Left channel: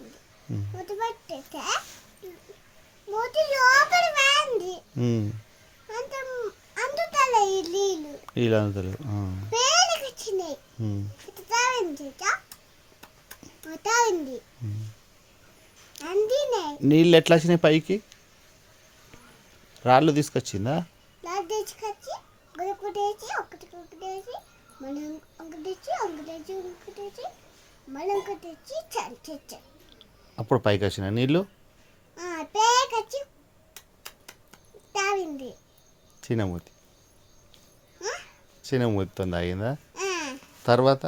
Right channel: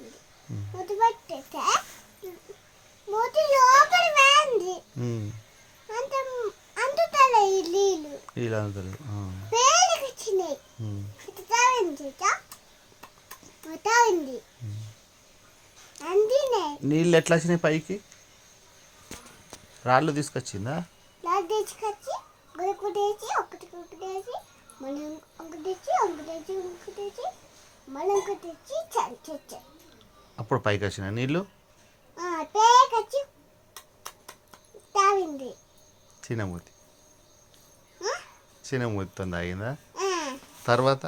పెట్టింది. మూత పెట్టేస్తే మూత లోపలి పోయింది. అంత అందుతలే ఈ నీళ్ళు అందుతలేదు పేలికి వచ్చినాయి. తావింది తావింది అందినే. నీళ్ళు ఎట్లా వచ్చినాయి పైకి? రాళ్ళు తీసుకొచ్చిందా? రాళ్ళు తీసుకొచ్చి గురుకుటేసి ఒకటి మనం ఒకటేసి మళ్ళీ ఇంకొకటి చంచే. అప్పుడు పైకి వచ్చిన నీళ్ళు పేకొచ్చి తావింది. చిన్నమూతితో తాగిందా? తర్వాత